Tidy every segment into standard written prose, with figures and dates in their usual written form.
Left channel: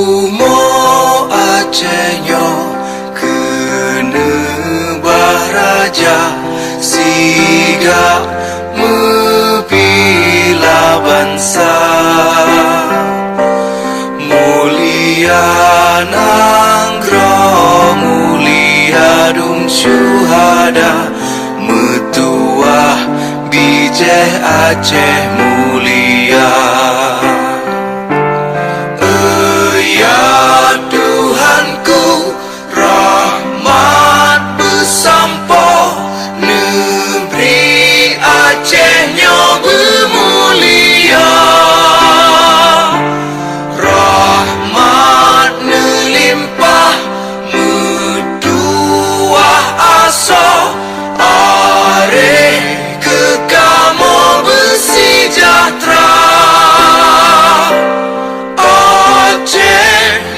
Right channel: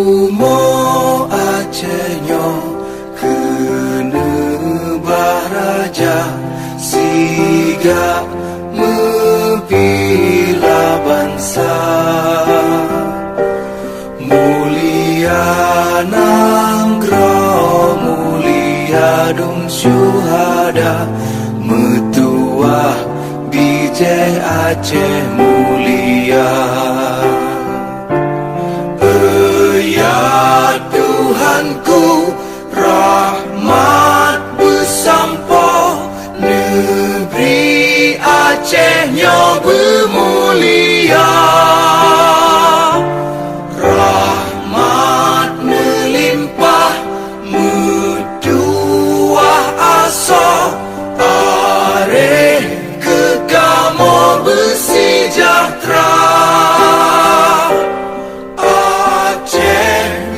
Umo Acehnya kena baraja siga mebila bangsa mulia nangro mulia dum syuhada metuah bijeh Aceh mulia. Ya Tuhanku, rahmat bersampo, negeri Acehnya bermulia. Rahmat melimpah, metuah aso, are kekamo bersejahtera.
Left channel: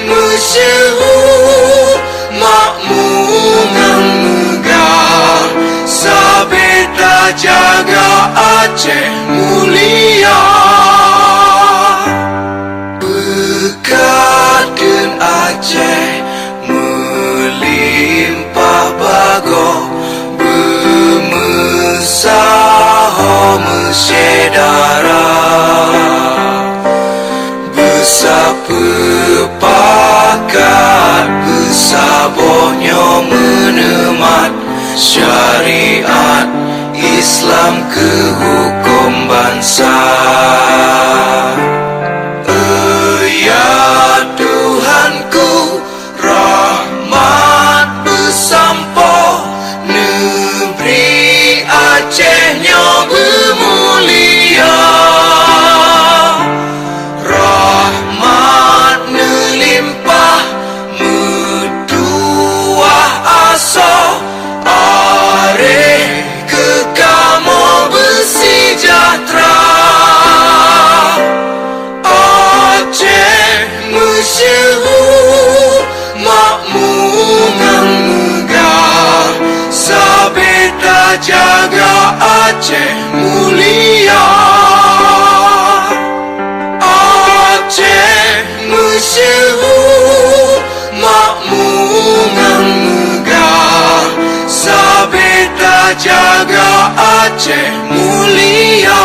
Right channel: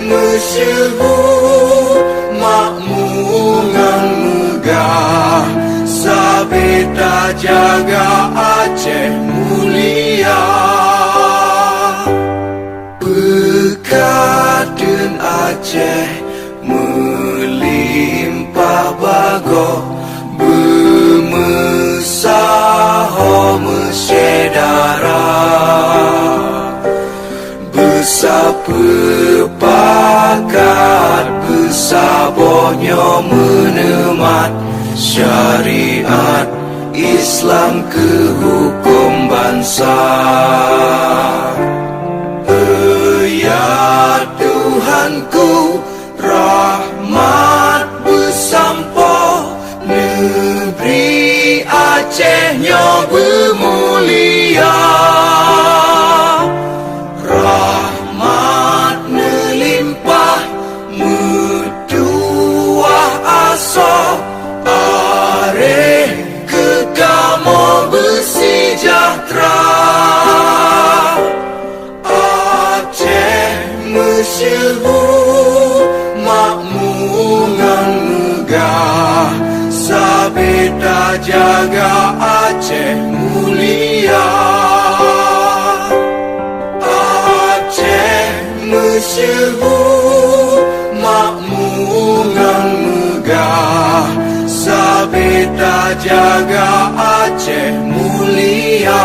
Masyhur makmur ngang megah, sabeta jaga Aceh mulia. Bekaden Aceh melimpah bago, bermesaho mesyedara. Sepakat besabohnya menemat syariat Islam ke hukum bangsa. Ya Tuhanku, rahmat bersampo, negeri Acehnya bermulia. Masyhur makmur ngang megah, sabeta jaga Aceh mulia. Aceh masyhur makmur ngang megah, sabeta jaga Aceh mulia.